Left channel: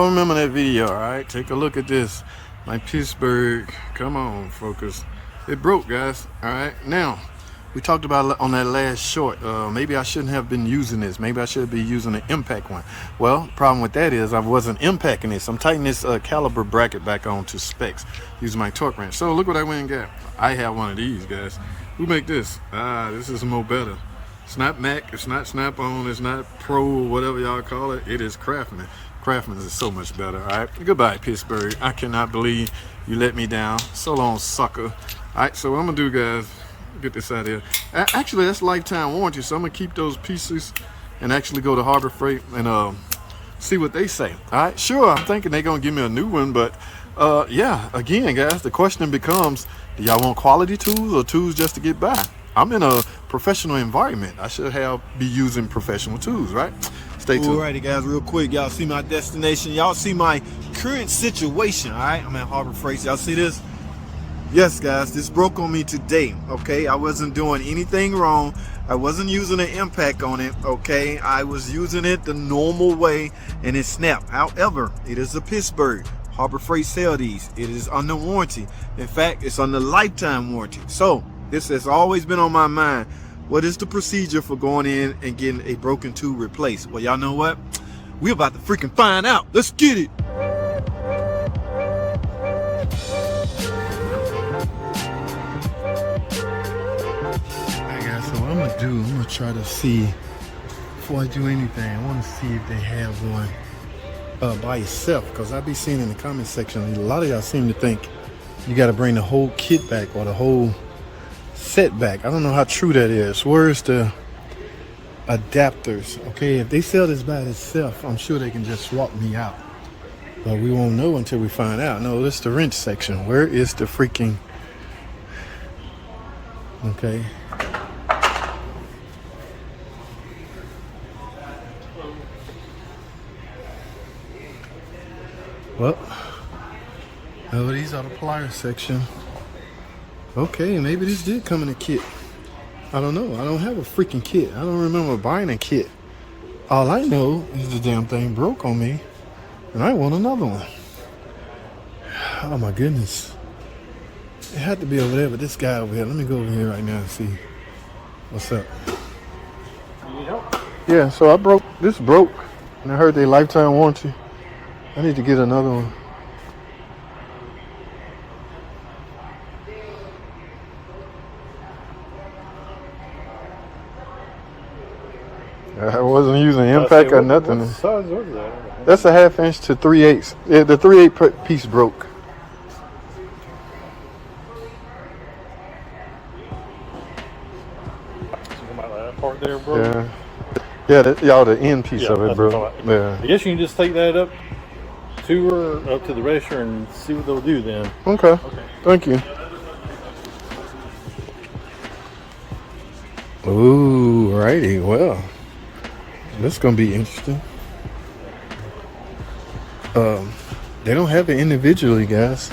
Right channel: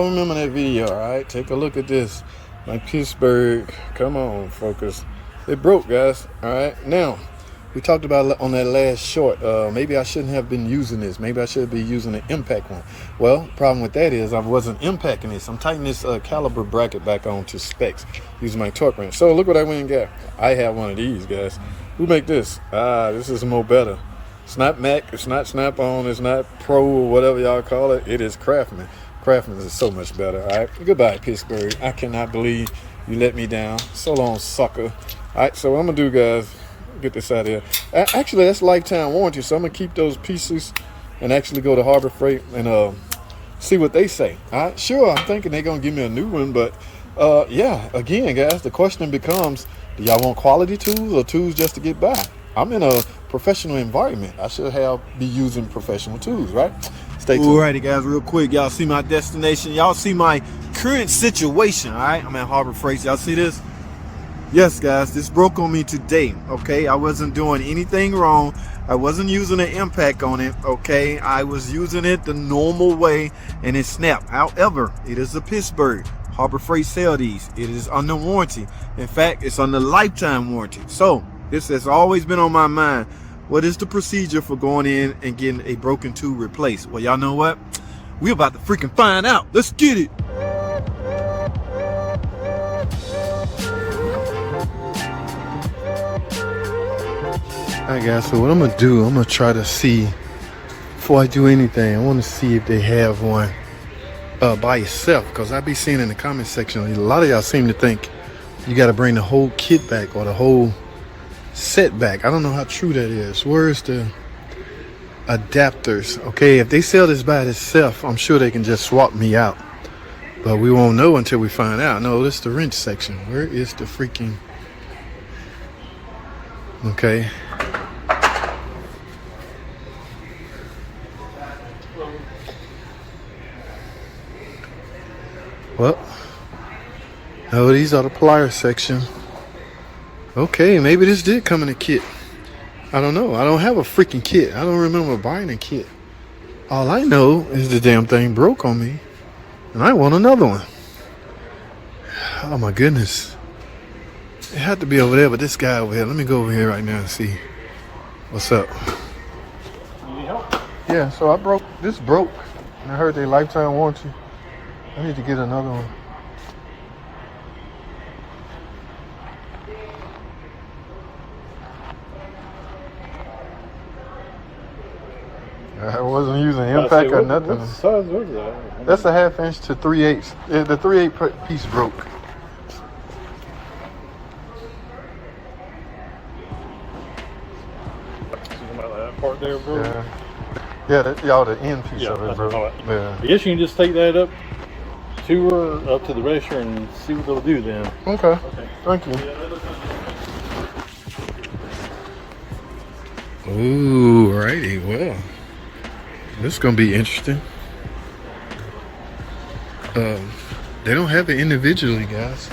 y'all remember that video, all right? Take a look at this. My Pitsburg, come on, focus. It broke, guys, all right? Now, we talked about on that last short, maybe I shouldn't have been using this. Maybe I should be using an impact one. Well, the problem with that is I wasn't impacting this. I'm tightening this caliber bracket back on to specs using my torque wrench. So look what I went and got. I have one of these, guys. Who make this? This is more better. It's not Mac, it's not Snap-on, it's not Pro or whatever y'all call it. It is Craftsman. Craftsman is so much better, all right? Goodbye, Pittsburgh. I cannot believe you let me down. So long, sucker. All right, so what I'm gonna do, guys, get this out of here. Actually, that's lifetime warranty, so I'm gonna keep those pieces and actually go to Harbor Freight and see what they say. All right, sure, I'm thinking they're gonna give me a new one, but yeah, again, guys, the question becomes, do y'all want quality tools or tools just to get by? I'm in a professional environment. I should be using professional tools, right? Stay tuned. Alrighty, guys, real quick, y'all see my destination. Y'all see my current situation, all right? I'm at Harbor Freight. Y'all see this? Yes, guys, this broke on me today, okay? I wasn't doing anything wrong. I wasn't using an impact on it, okay? I was using it the normal way, and it snapped. However, it is a Pitsburgh. Harbor Freight sell these. It is under warranty. In fact, it's under lifetime warranty. So, this has always been on my mind. What is the procedure for going in and getting a broken tool replaced? Well, y'all know what? We're about to freaking find out. Let's get it. Alright, guys, so what I'm gonna do, I'm gonna try to see, before I do anything, I want to see if they have one by itself, because I be seeing in the comment section, a lot of y'all seem to think you got to bring the whole kit back or the whole set back. I don't know how true that is. Where's the adapters? Okay, if they sell this by itself, I'm sure they can just swap me out, but we won't know until we find out. No, this is the wrench section. Where is the freaking, okay, well, oh, these are the pliers section. Okay, maybe this did come in a kit. I don't know. I don't have a freaking kit. I don't remember buying a kit. All I know is the damn thing broke on me, and I want another one. Oh my goodness. It had to be over there, but this guy over here. Let me go over here right now and see what's up. Need help? Yeah, so this broke, and I heard they lifetime warranty. I need to get another one. I wasn't using impact or nothing. What size was that? That's a 1/2 inch to 3/8. Yeah, the 3/8 piece broke. That part there, bro. Yeah, the end piece of it, bro. Yeah. I guess you can just take that up to the register and see what they'll do then. Okay. Thank you. Ooh, righty. Well, this is gonna be interesting. They don't have it individually, guys.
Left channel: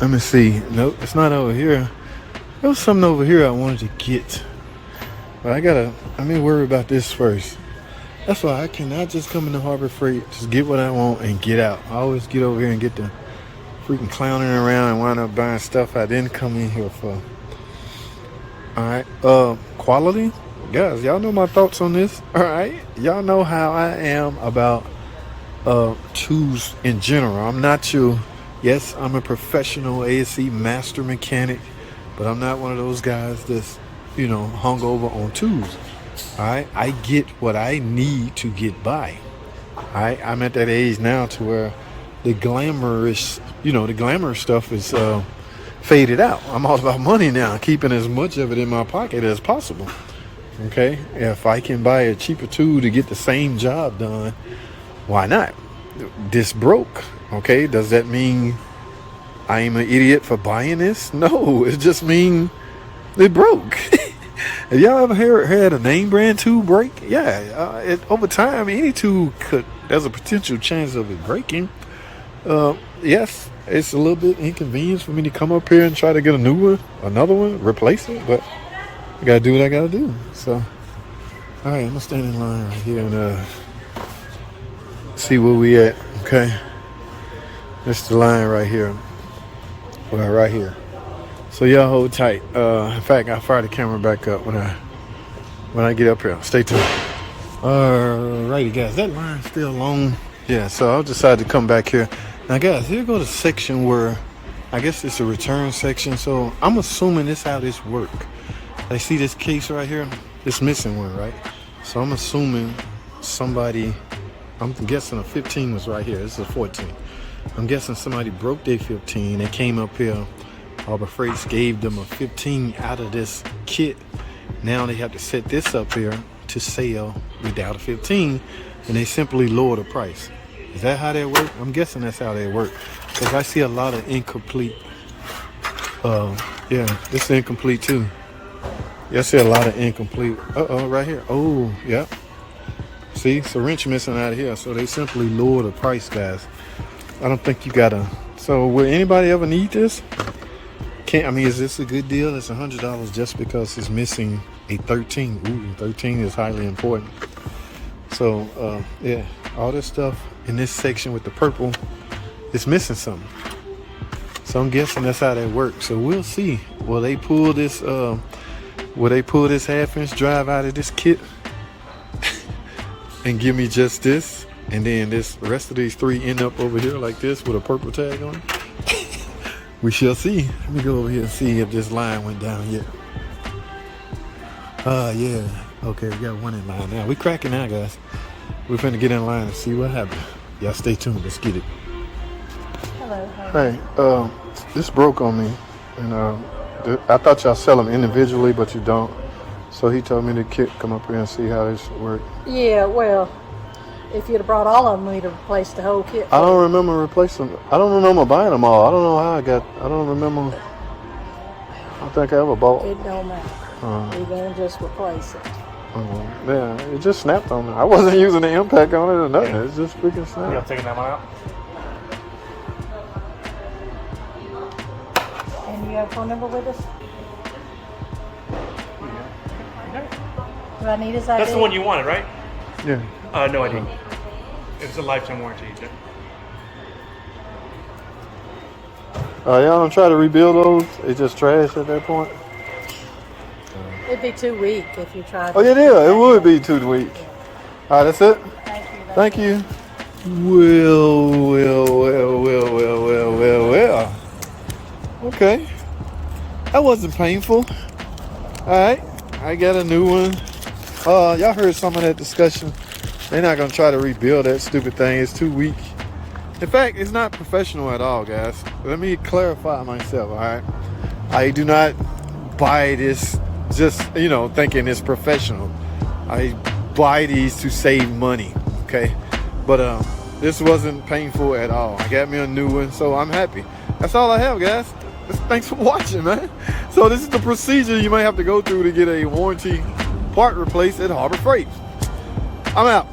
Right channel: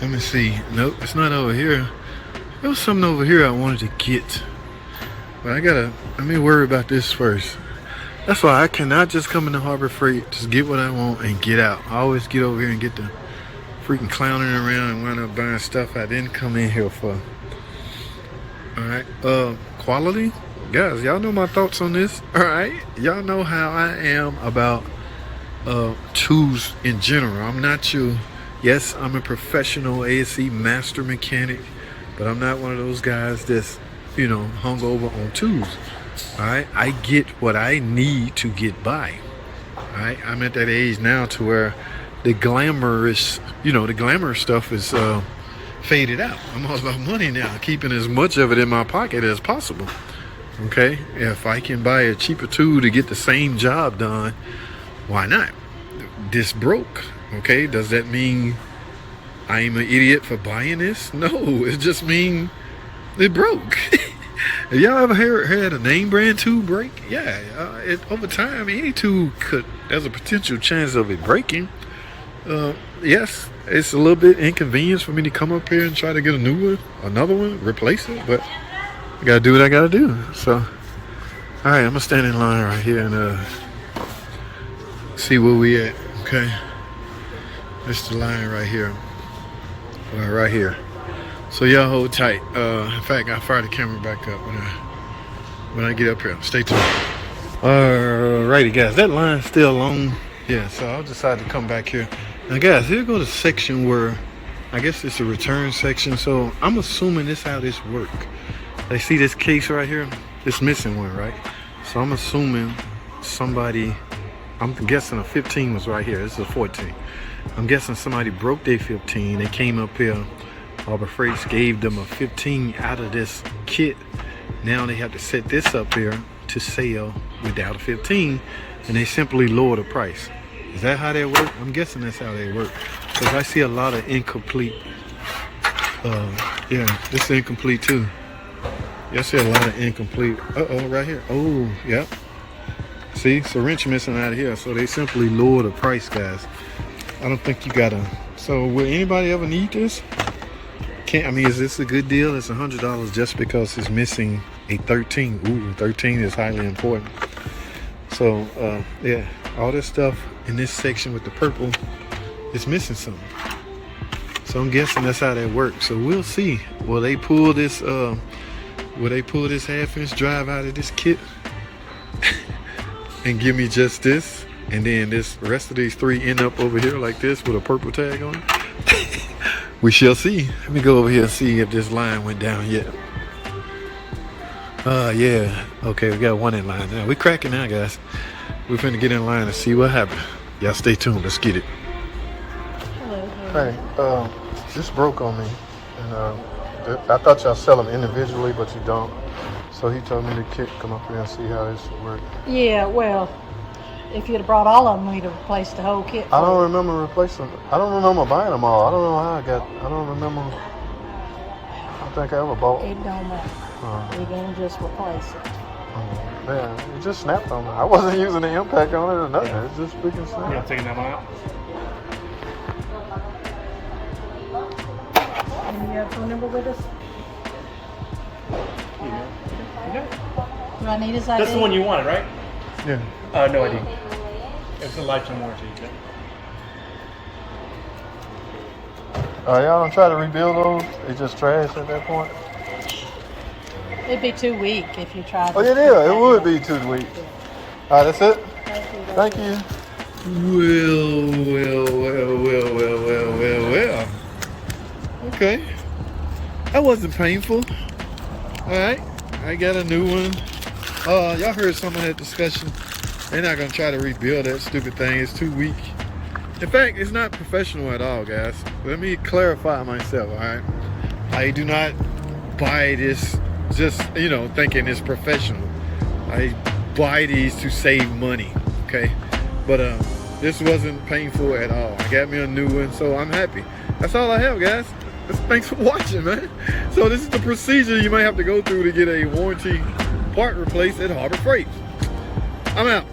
Let me see. Nope, it's not over here. There was something over here I wanted to get, but let me worry about this first. That's why I cannot just come into Harbor Freight, just get what I want and get out. I always get over here and get the freaking clowning around and wind up buying stuff I didn't come in here for. All right, quality, guys, y'all know my thoughts on this. All right, y'all know how I am about tools in general. I'm not you. Yes, I'm a professional ASC master mechanic, but I'm not one of those guys that's, you know, hung over on tools. All right, I get what I need to get by. All right, I'm at that age now to where the glamorous stuff is faded out. I'm all about money now, keeping as much of it in my pocket as possible. Okay, if I can buy a cheaper tool to get the same job done, why not? This broke. Okay, does that mean I am an idiot for buying this? No, it just means it broke. Have y'all ever had a name brand tool break? Yeah, over time, any tool there's a potential chance of it breaking. Yes, it's a little bit inconvenience for me to come up here and try to get another one, replace it, but I gotta do what I gotta do. So, all right, I'm gonna stand in line right here and see where we at. Okay, this is the line right here. Well, right here. So y'all hold tight. In fact, I'll fire the camera back up when I get up here. Stay tuned. Alrighty, guys, that line's still long. Yeah, so I'll decide to come back here. Now, guys, here go the section where I guess it's a return section. So I'm assuming this how this work. They see this case right here. It's missing one, right? So I'm assuming somebody. I'm guessing a 15 was right here. This is a 14. I'm guessing somebody broke their 15. They came up here. Harbor Freight gave them a 15 out of this kit. Now they have to set this up here to sell without a 15, and they simply lower the price. Is that how they work? I'm guessing that's how they work, because I see a lot of incomplete. Yeah, this is incomplete too. Yeah, I see a lot of incomplete. Right here. Oh, yeah. See, it's a wrench missing out of here, so they simply lower the price, guys. I don't think you gotta. So will anybody ever need this? I mean, is this a good deal? It's $100 just because it's missing a 13. Ooh, 13 is highly important. So, yeah, all this stuff in this section with the purple is missing something. So I'm guessing that's how that works. So we'll see. Will they pull this? Will they pull this half-inch drive out of this kit and give me just this? And then this rest of these three end up over here like this with a purple tag on it? We shall see. Let me go over here and see if this line went down yet. Yeah. Okay, we got one in line now. We cracking now, guys. We're finna get in line and see what happens. Y'all stay tuned. Let's get it. Hello. Hey, this broke on me. And I thought y'all sell them individually, but you don't. So he told me to come up here and see how this works. Yeah, well, if you'd have brought all of them, we'd have replaced the whole kit. I don't remember replacing them. I don't remember buying them all. I don't know how I don't remember. I don't think I ever bought. It don't matter. We're going to just replace it. Yeah, it just snapped on me. I wasn't using the impact on it or nothing. It's just freaking snapped. You taking that one out? And you have a phone number with us? Do I need his ID? That's the one you wanted, right? Yeah. No ID. It's a lifetime warranty. Y'all don't try to rebuild those? They just trash at that point? It'd be too weak if you tried. Oh, yeah, it would be too weak. All right, that's it? Thank you. Thank you. Well. Okay. That wasn't painful. All right. I got a new one. Y'all heard some of that discussion. They're not going to try to rebuild that stupid thing. It's too weak. In fact, it's not professional at all, guys. Let me clarify myself, all right? I do not buy this just, thinking it's professional. I buy these to save money, okay? But this wasn't painful at all. I got me a new one, so I'm happy. That's all I have, guys. Thanks for watching, man. So this is the procedure you might have to go through to get a warranty part replaced at Harbor Freight. I'm out.